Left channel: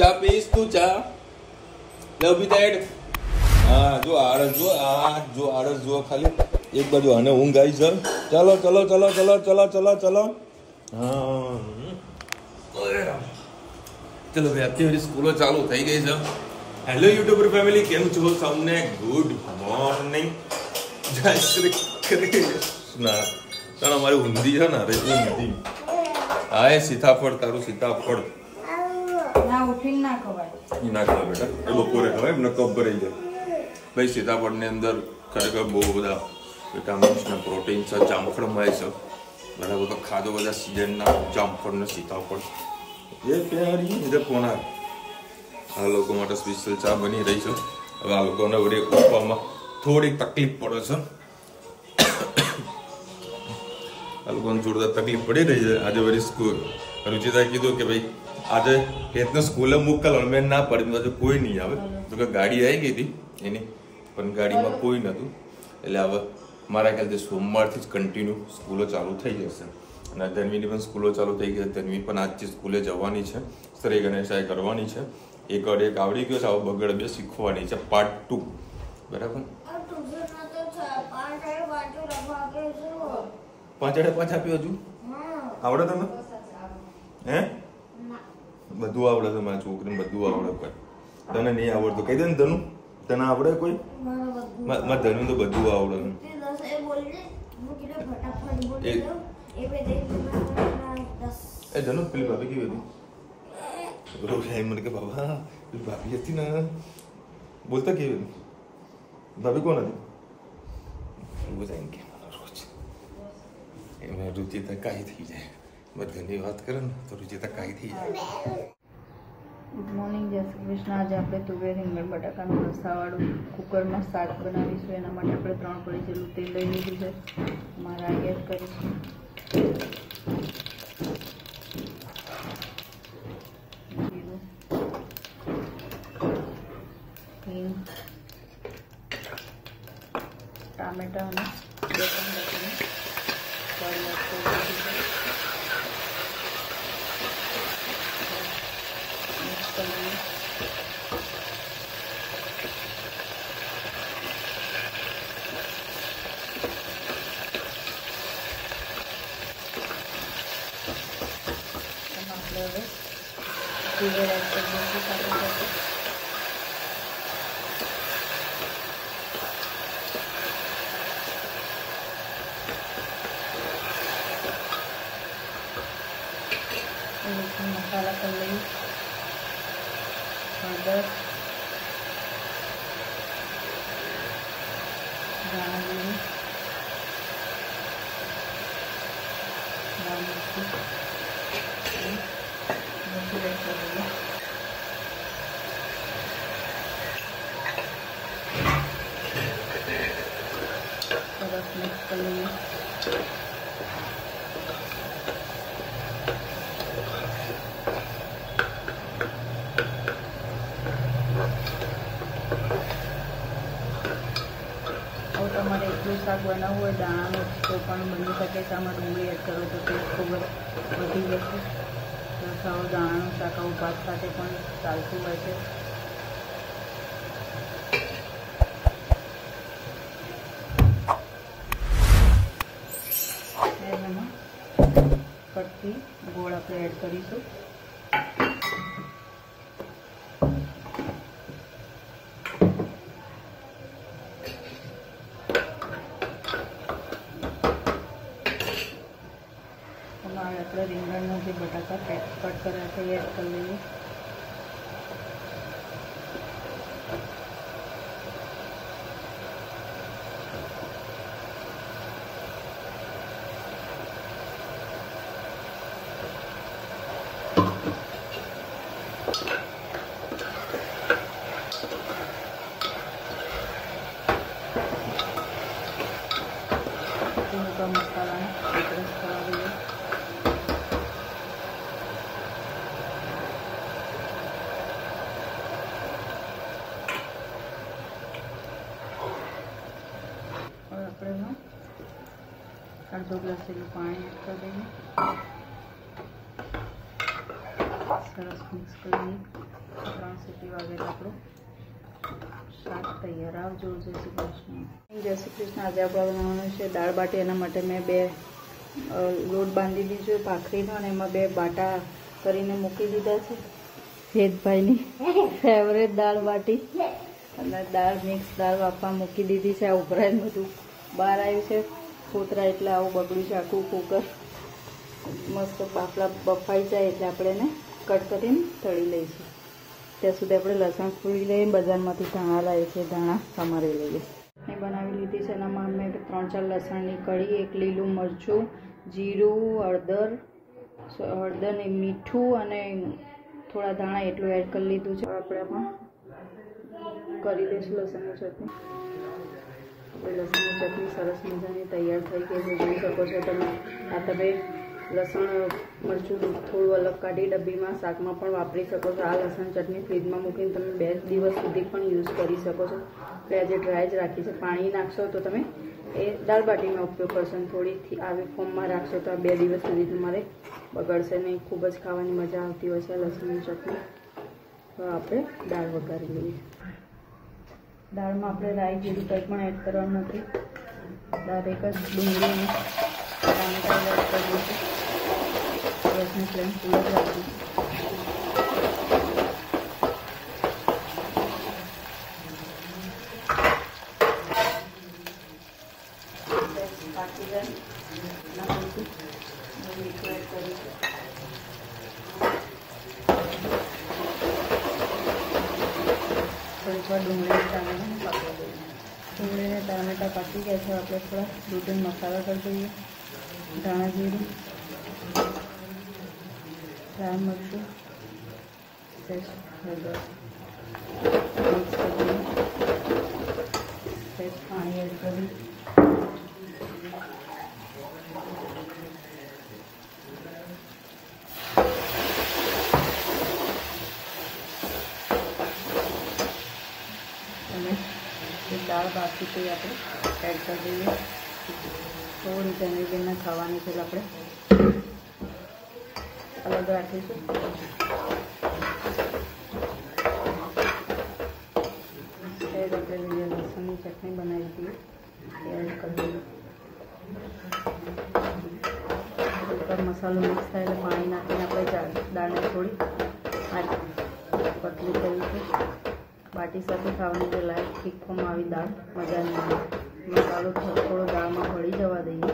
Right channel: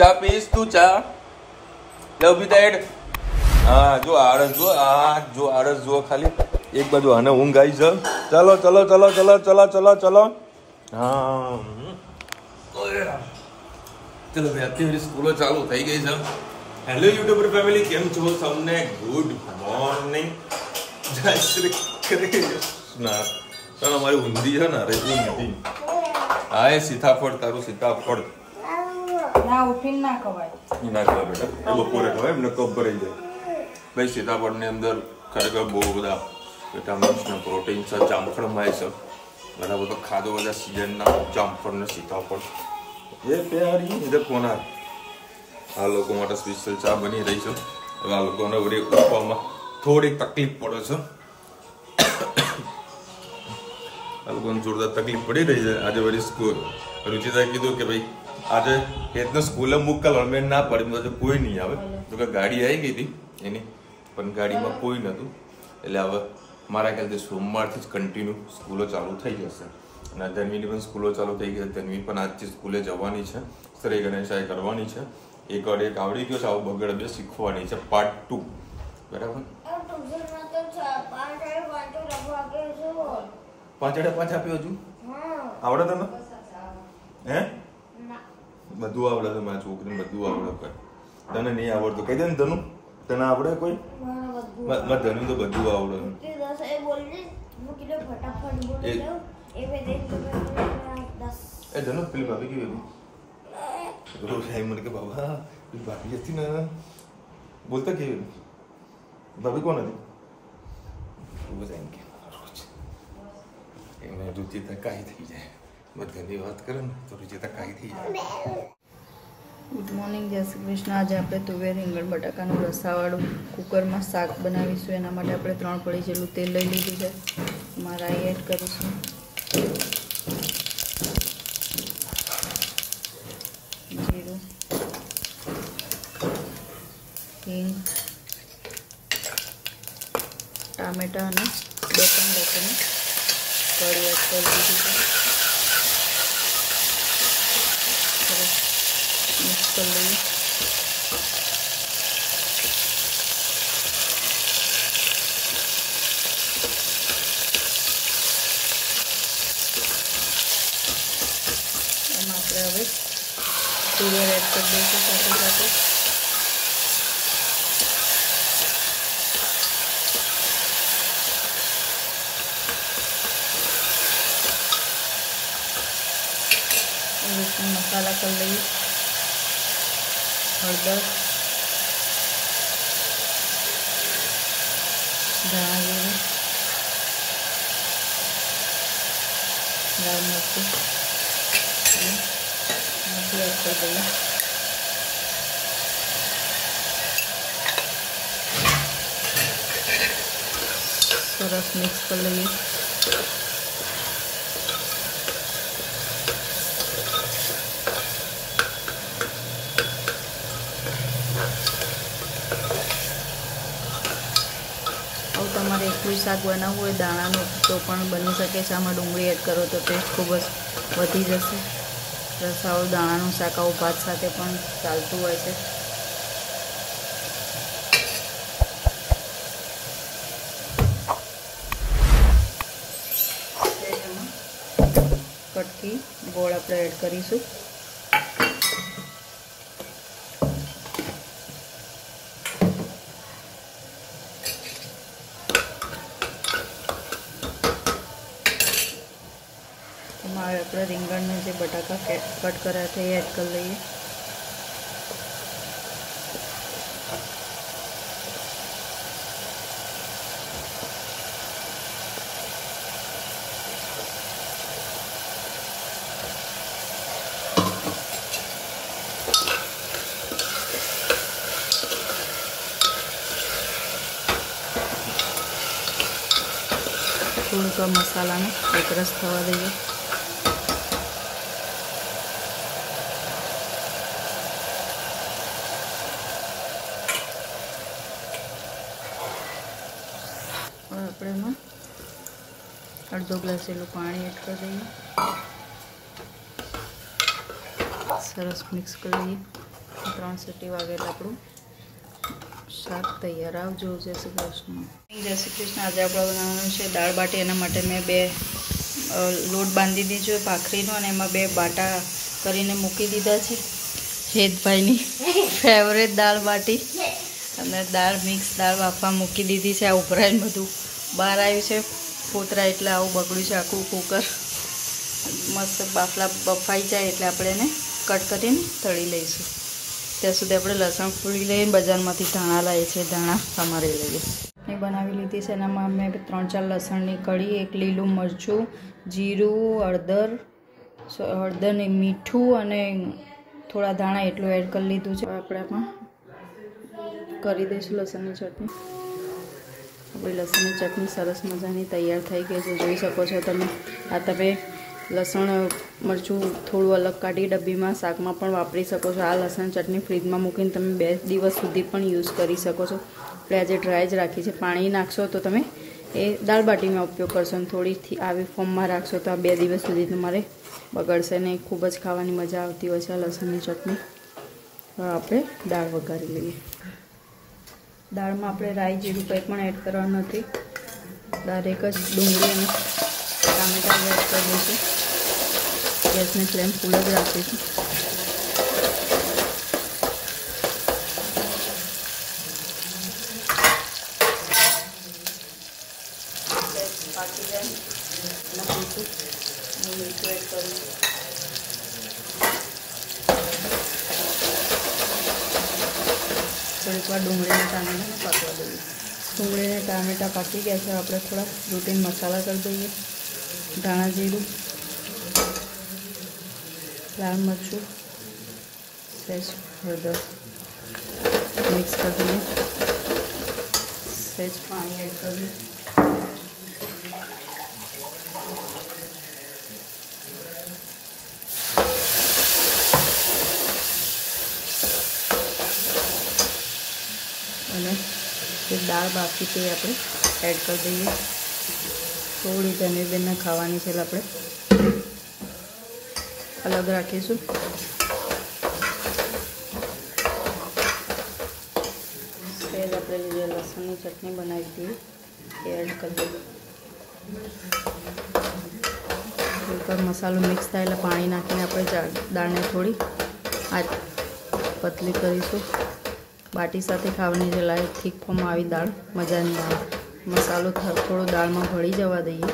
चा पीस तू चा लव बी दैट। हाँ जो आड़स जो खाली एक बाजू आने ऊँघ आई છે। चलो चलो चलो चलो चलो चलो चलो हाँ चलो भाई आपकी मेरी स्कूलों चालू થઈ ગઈ છે। હેલો યુટ્યુબર ફેમિલી કેમ છો સૌને ગુડ મોર્નિંગ જય શ્રી કૃષ્ણ। ચાલો અમારી ઊંધી છે ને રે ઊંધી આય સીતાફળ તારું સીતાફળ ના ઉઠીને ના ખવાય ના ખવાય બેટા એ બપોરે ખવાય એમને કફ ભરાઈ જાય ભાઈ। સીતાફળ ની અંદર ખરેખર બહુ બધા વિટામિન્સ ને પ્રોટીન છે જામફળ મળે છે બરાબર। તો ખાધો બધા સિઝનના જામફળ ને સીતાફળ એ પ્યારી ઇધર ફોન આ લોકો માટે સ્પેશિયલ ચા બની રહી છે। હવે આ લોકોને વળી ઉઠવામાં થોડીક તકલીફ પડે છે આ લોકોને જોરદાર તકલીફ પડી રહી છે। આજે વળી સ્કૂલ રુચિતાએ કીધું કે ભાઈ આજે હેતને સ્કૂલે મોકલ મેં ના પડી તો કોઈ નહીં આવે તો કે ગાડી આવી ગઈ હતી એની પણ ગાડીમાં કોઈ નહોતું એટલે હવે મારા ખ્યાલથી સોમવારથી જ કન્ટિન્યુ સ્કૂલો ચાલુ થઈ જશે અને ધન્વીની પણ સ્કૂલો ચાલુ થઈ ગઈ। ધન્વી પણ આજથી સ્કૂલે જવાની છે શ્રી ગણેશાએ કરવાની છે એક વાર એક આવડી ગયો છે આવો બગડ બે શીખવાની છે પાર્ટ 2 બરાબર। 5 આપ્યો હજુ આવડે તમે હે બધું આવડે છે મારા છોકરીને બધું આવડે કોઈ તને નહીં આવડતું કહી દે ને ધનુ તને આવડે કોઈ મારા ધનુ તો બધું આવડે એ ધનુ પેલી ભાભી કેવી હતી રોજ મને કે બાબા પેલી ભાભી હતી ને બોલતા કેવી ભાભી કોણ હતી રોજ આવીને કે રોજ એમને રુચિતા કાંઈ થઈ જાય બધાની વાત કરે ને તો રુચિતા કાંઈ થઈ જાય। ગુડ મોર્નિંગ જય શ્રી કૃષ્ણ। આજે આપણે તુવેર રીંગણ બટાકાનું રસાવાળું કુકરમાં શાક બનાવીશું। એના માટે આપણે 3 પડી જેટલું તેલ લઈ લીધું છે એમાં રાઈ એડ કરીશું જીરું હિંગ ટામેટા અને 2 લસણ કળી એડ કરી દીધું છે હવે તુવેર એડ કરી દઈશું સાથે સાથે મસાલા કરી લઈએ હળદર ધાણા જીરું લાલ મરચું મરચું એડ કરી દઈએ સરસ મિક્સ કરી લઈએ શાક બનાવવું હોય દાણાનું તો પણ બની શકે છે આમાં ડુંગળી એડ કરો તો ટેસ્ટ ખૂબ જ વધી જશે। રસાવાળું દાણાનું શાક આવું ભાત સાથે પણ ચાલતું હોય છે। કટકી ગોળ આપણે એડ કરીશું આપણે રીંગણના જે બટાકા કટ કર્યા છે એ એડ કરી લઈએ થોડુંક મસાલાને એકરસ થવા દઈએ આપણે એમાં અડધો ગ્લાસ જેટલું પાણી એડ કરી દઈએ સરસ મિક્સ કરી દઈએ 3 સીટી વાગે એટલે આપણું શાક તૈયાર. આવજો. જય શ્રી કૃષ્ણ. જય શ્રી કૃષ્ણ. આજે આપણે બનાવવાનું છે દાળ બાટી. એના માટે મેં 2 લોટ બાંધી દીધો ભાખરીનો અને એમાં 2 બાટા કરીને મૂકી દીધા છે. હેતભાઈની ફેવરેટ દાળ બાટી અને દાળ મિક્સ દાળ બાફવા મૂકી દીધી છે. આ ઉભરાઈને બધું બહાર આવ્યું છે ફોતરા એટલે આવું બગડ્યું છે આખું કુકર. મસ્ત બાફલા બફાઈ જાય એટલે આપણે એને કટ કરીને તળી લઈશું. ત્યાં સુધી આપણે લસણ ફોડી લઈને બજારમાંથી ધાણા લાવીએ છીએ. ધાણા સમારી લઈએ. એ બનાવી લીધી છે. એનામાં મેં 3-4 લસણની કળી, 1 લીલું મરચું, જીરું, હળદર ને મીઠું અને થોડા ધાણા એટલું એડ કરી લીધું છે. આપણે આમાં કરી દઈશું લસણની ચટણી. આપણી લસણની ચટણી સરસ મજાની તૈયાર થઈ ગઈ છે. જોઈ શકો છો તમે. આ તમે લસણ મરચું થોડું અલગ કાઢી ડબ્બીમાં શાકમાં પણ વાપરી શકો છો. આ લસણ ચટણી ફ્રીજમાં મૂકીને તમે 2 દિવસ સુધી પણ યુઝ કરી શકો છો. આપણે આજે ડ્રાય જ રાખી છે. પાણી નાખશો તો તમે એ દાળ બાટીમાં ઉપયોગ કરશો અને થોડીથી આવી ફોર્મમાં રાખશો તો આ 2 દિવસ સુધી તમારે બગડશે નહીં. ખૂબ જ ખાવાની મજા આવતી હોય છે આ લસણની ચટણી. હવે આપણે દાળ વઘારી લઈએ. દાળમાં આપણે રાઈ જીરું કંઈ પણ એડ કરવાનું નથી. ડાયરેક્ટ જ ડુંગળી અને ટામેટાં એડ કરી દઈશું. ગેસની ફ્લેમ ફૂલ જ રાખીશું. પાકી જાય નાખીશું. મીઠું એડ કરીશું. ડુંગળીના ટામેટા ડુંગળીના ટામેટા પાકી ગયા છે. આપણે થોડા રૂટીન મસાલા કરી દઈએ. ધાણા જીરું, લાલ મરચું, સહેજ હળદર મિક્સ કરી દઈએ. સહેજ પાણી એડ કરીએ. અને જે દાળ બાકી છે એ આપણે એડ કરી દઈએ. થોડી જનીબેનને ખાવાની છે એટલે આપણે અલગ રાખીશું. સહેજ આપણે જે લસણની ચટણી બનાવી હતી એ એડ કરી દઈએ. ઉપર મસાલો મિક્સ થાય એટલે પાણી નાખીને આપણે દાળને થોડી પતલી કરીશું. બાટી સાથે ખાવાની જે લાયક થીક ફોર્મ આવી દાળ મજા નહીં આવે. મસાલો થોડો દાળમાં ભળી જવા દઈએ.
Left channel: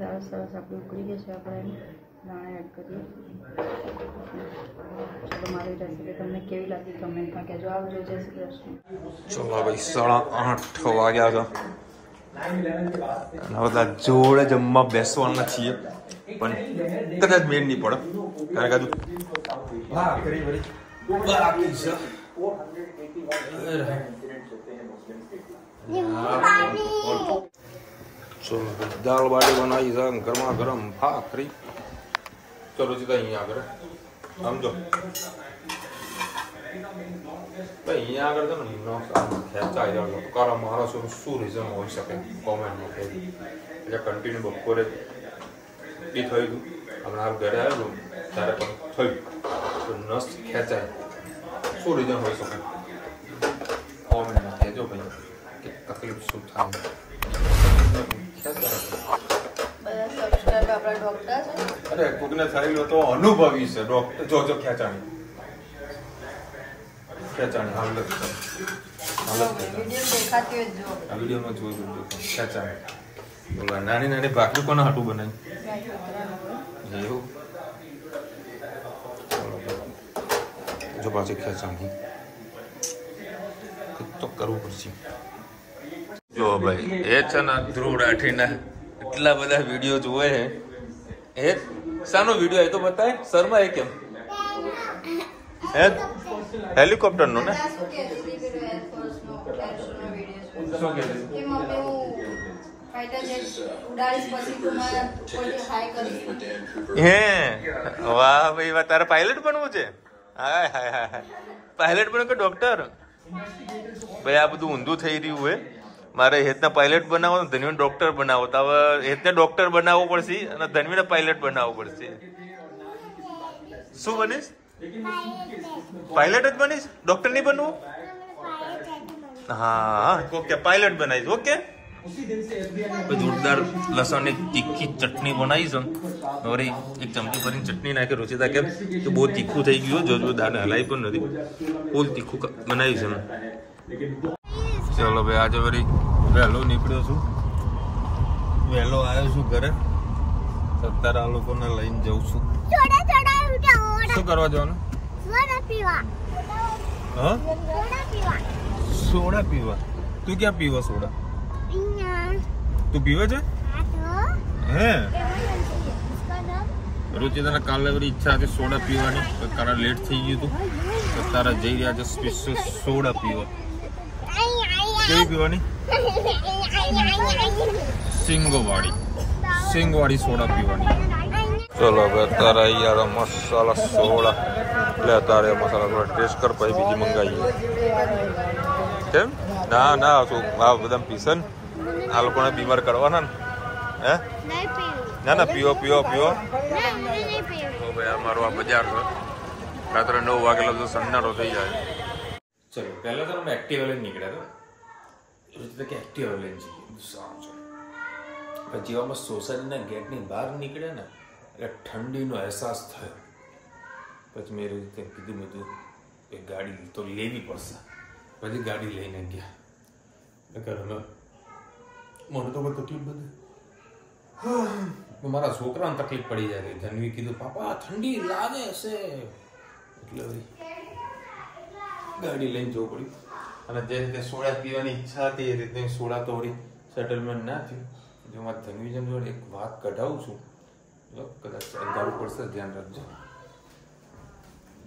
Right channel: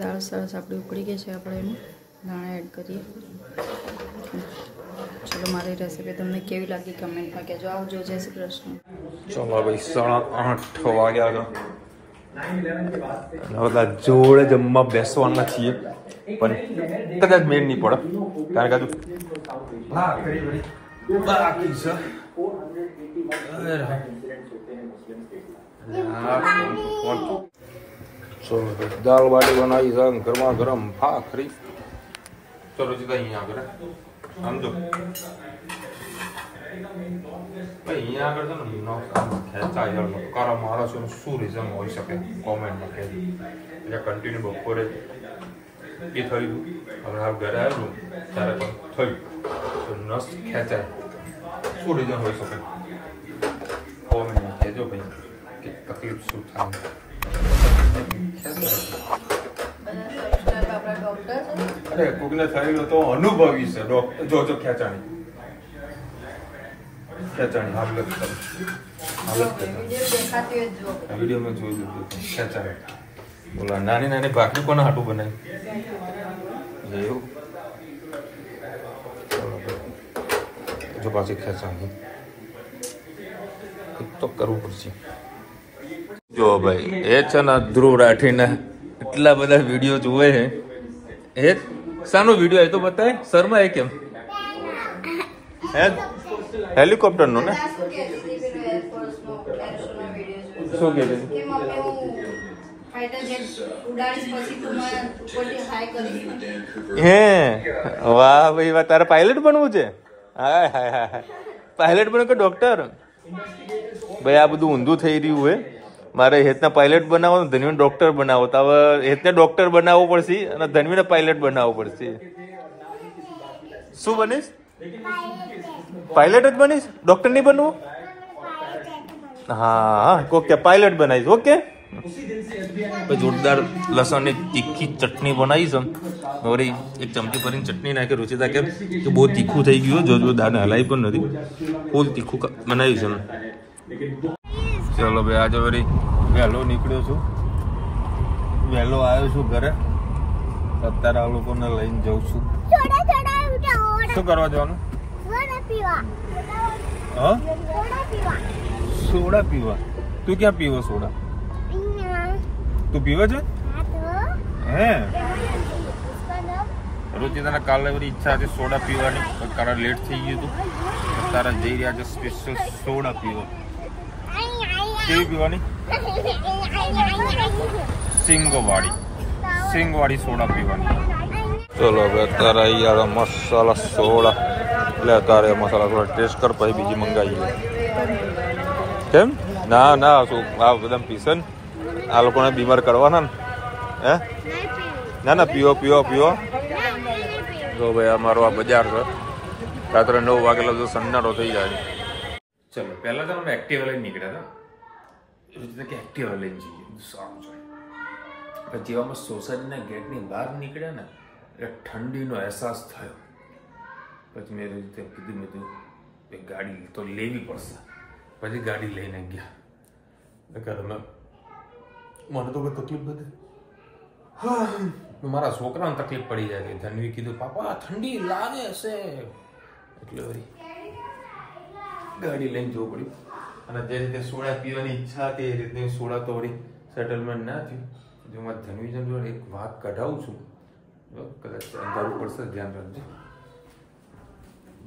દાળ સરસ આપણી ઉકળી ગઈ છે. આપણે એને દાણા એડ કરીએ. ચલો, મારી રેસીપી તમને કેવી લાગી કમેન્ટમાં કહેજો. આવજો. જય શ્રી કૃષ્ણ. ચલો ભાઈ 8:30 વાગ્યા છે. બધા જોડે જમવા બેસવાના છીએ પણ કદાચ મેળ નહીં પડે કારણ કે બાકી છે. ચલો દાળ બાટી બનાવી છે. ગરમા ગરમ ભાખરી. ચલો સીધા અહીંયા આગળ સમજો ભાઈ. અહીંયા આગળ તો ખેંચાય કારણ મારો શું રીઝન હોઈ શકે કોમેન્ટમાં કહેજો. એટલે કન્ટિન્યુ બપોરે એ થયું. હમણાં હાલ ઘરે આવેલું ત્યારે પણ થયું તો નસ ખેંચાય. શું રીઝન હોઈ શકે કોમેન્ટમાં કહેજો ભાઈ કે તકલીફ શું થાય. અરે કોકને થયેલું તો અનુભવી છે ડોક્ટર. જો ખેંચાણી હાલત વિડીયોમાં જોયું ખેંચાણી. બોલા નાની નાની ભાખરી કોના હાટું બનાવી એવું. જો પાછી ખેંચાણી તો કરવું પડશે. જો ભાઈ એ છે ને ધ્રુવ રાઠીને એટલા બધા વિડીયો જોવે છે. એ શાનો વિડીયો એ તો બતાવે શર્મા એ કેમ હેલિકોપ્ટર નો ને શું કે હે વાહ ભાઈ વાહ. તારે પાયલટ બનવું છે? હાય હાય હાય. પાયલટ બનો કે ડોક્ટર? ભાઈ આ બધું ઊંધું થઈ રહ્યું હે. મારે હેતને પાયલટ બનાવવાનું, ધનવીને ડોક્ટર બનાવો. તો હવે હેતને ડોક્ટર બનાવવો પડશે અને ધનવીને પાયલટ બનાવવો પડશે. શું બનીશ? પાયલટ જ બનીશ? ડોક્ટર નહીં બનવું? હા ઓકે, પાયલટ બનાવીશ. ઓકે. જોરદાર લસણની તીખી ચટણી બનાવી છે. વળી એક ચમચી ભરીને ચટણી નાખી. રુચિતા કે બહુ તીખું થઈ ગયું, જો દાને હલાવી પણ નથી, ફૂલ તીખું બનાવ્યું છે. ચલો ભાઈ, આજે વળી વહેલો નીકળ્યો છું, વહેલો આવ્યો છું ઘરે. અત્યારે આ લોકોને લઈને જઉં છું. શું કરવા જવાનું? હા, સોડા પીવા. તું ક્યાં પીવો સોડા? તું પીવે છે? હે રુચિતાને કાલે બધી ઈચ્છા છે સોડા પીવાની, તારા લેટ થઈ ગયું હતું તો તારા જઈ રહ્યા છે સ્પેશિયલ સોડા પીવા. કેવી પીવાની? સિંગવાળી સોડા પીવાની. ચલો હવે અત્યારે યાર મસાલા સોડા એટલે અત્યારે મસાલા સોડા ટેસ્ટ કર, પછી બીજી મંગાવીએ. કેમ? ના ના, શું આ બધા પીશે ને, આ લોકોને બીમાર કરવાના ને. હે ના ના, પીવો પીવો પીવો. તો ભાઈ અમારો આ બજાર છે, રાત્રે 9 વાગેલા જો સન્નારો થઈ જાય. ચલો પહેલા તો અમે એક્ટિવા લઈને નીકળ્યા હતા કે એક્ટિવા લઈને જઈએ, સારું છે. પછી અમે સોસાયટીના ગેટની બહાર નીકળ્યા ને એટલે ઠંડીનો અહેસાસ થયો. પછી મેં રીતે કીધું, મેં તું એક ગાડી તો લેવી પડશે. પછી ગાડી લઈને ગયા. મને તો કોઈ તકલીફ નથી, મારા છોકરાને તકલીફ પડી જાય. ધનવી કીધું પાપા ઠંડી લાગે છે, એટલે વળી ગાડી લઈને જવું પડ્યું. અને જે રીતે સોડા પીવાની ઈચ્છા હતી એ રીતે સોડા તો વળી સેટલમેન્ટ ના થયું. જો મારે ધનવી જોડે એક વાત કઢાવું છું, કદાચ અંધારું પડશે, ધ્યાન રાખજો.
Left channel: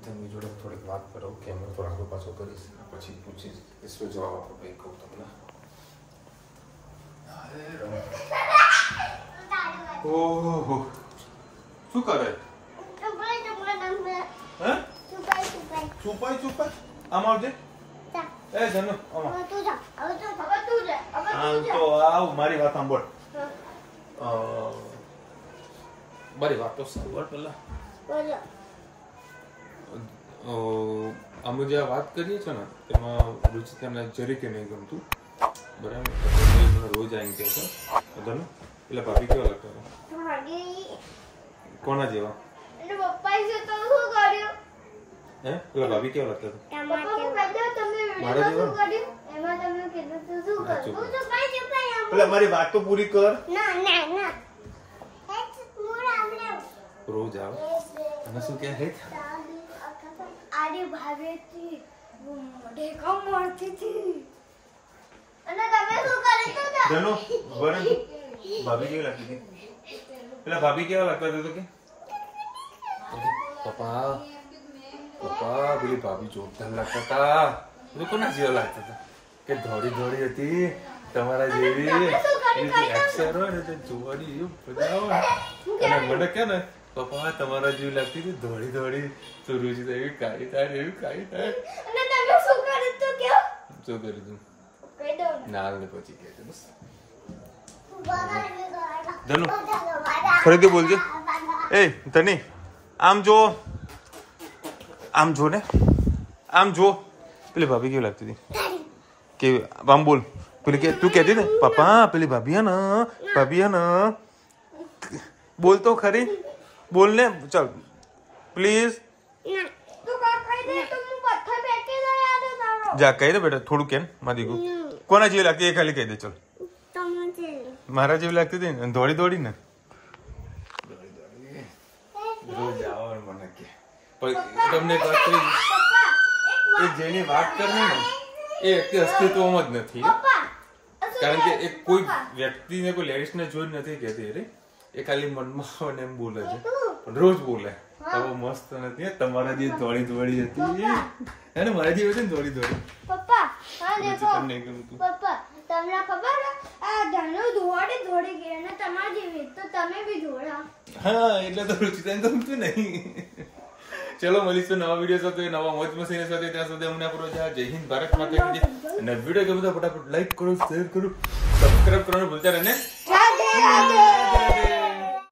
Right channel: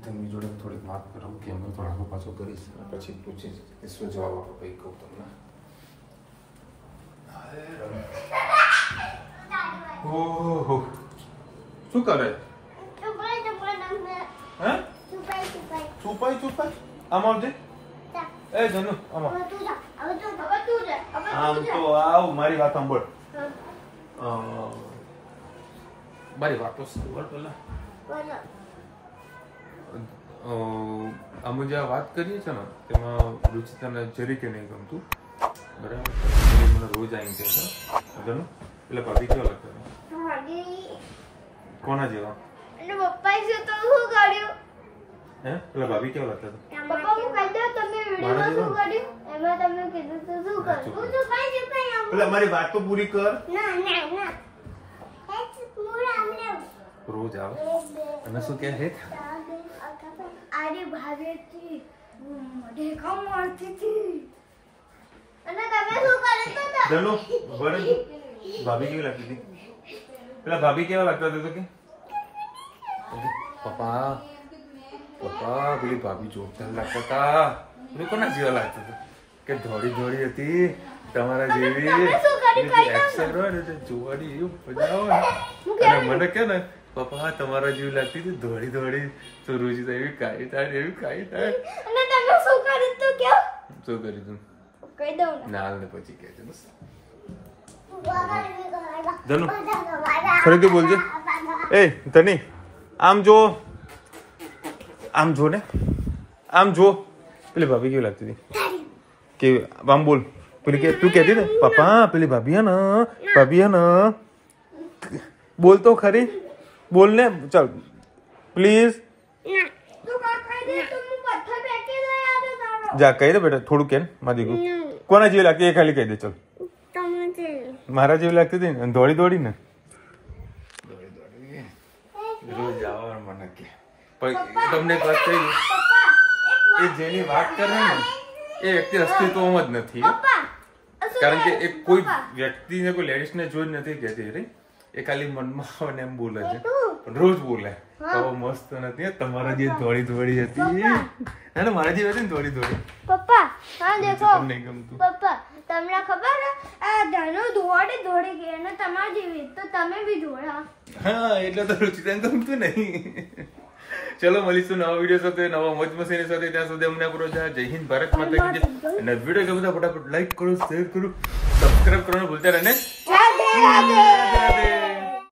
ધનવી જોડે થોડીક વાત કરાવું કે અમે થોડો આગળ પાછો કરીશ, પછી પૂછીશ કે શું જવાબ આપો. ભાઈ કહું તમને. ઓહો શું કરે? હે છુપાઈ આમાં આવજે. એ જનુ આમાં આમ તો આવ, મારી વાત સાંભળ. મારી વાત તો સાંભળ પેલા. અમે જે વાત કરીએ છીએ ને તેમાં રુચિતાને જરીકે નહીં ગમતું, બરાબર? મને રોજ આવીને કહે છે એટલે ભાભી કેવા લાગતા હતા? કોના જેવા? હે પેલા ભાભી કેવા લાગતા હતા? મારા જેવા? પેલા મારી વાત તો પૂરી કર. રોજ આવે અને શું કે હે ભાભી કેવી લાગતી હતી? પેલા ભાભી કેવા લાગતા હતા કે પપ્પા પપ્પા પેલી ભાભી જોરદાર લાગતા હતા. કોના જેવા લાગતા હતા? કે ધોળી ધોળી હતી તમારા જેવી, એક્શન હોય ને તો જોવાની એવું મજા આવે. અને મને કે ને પપ્પા તમારા જેવી લાગતી હતી ધોળી ધોળી, તો રુચિતા એવી કાઈ થાય એવી કાઈ થાય. શું કરી તું? નાલ ને પછી કે છે ધનુ ફરીથી બોલજે. એ ધની આમ જો, આમ જો ને, આમ જો. પેલી ભાભી કેવી લાગતી હતી? કેવી? આમ બોલ. પેલી કે તું કહેતી ને પપ્પા પેલી ભાભી હે ને, ભાભી હે ને, બોલ તો ખરી, બોલ ને. ચાલ પ્લીઝ જા કહી દે બેટા, થોડું કેમ મારી દીકરું. કોના જેવી લાગતી એ ખાલી કહી દે. ચાલ મારા જેવી લાગતી હતી ને, દોડી દોડી ને, રોજ આવવાનું મને કે. તમને એક વાત કહી, એ જેની વાત કરે ને એ વ્યક્તિ અસ્તિત્વમાં જ નથી. કારણ કે એ કોઈ વ્યક્તિને, કોઈ લેડીઝને જોઈ નથી કહેતી રે, એ ખાલી મનમાં આવે ને એમ બોલે છે, પણ રોજ બોલે. તો મસ્ત નથી તમારા જે દોડી દોડી હતી, હે ને મારા જેવી હતી ને દોડી દોડી. પપ્પા તમને ગમતું? પપ્પા તમને ખબર આ ધનુ દોડી દોડી ગઈ અને તમારી જેવી તો તમે બી દોડા. હા એટલે તો રુચિતાને ગમતું નહીં. ચલો મળીશું નવા વિડીયો સાથે, નવા મોજ મસ્તી સાથે. ત્યાં સુધી અમને પૂરો જય હિન્દ, ભારત માતા કી જય. અને વિડીયો ગમે તો ફટાફટ લાઈક કરો, શેર કરો, સબસ્ક્રાઇબ કરવાનું ભૂલતા રહે ને.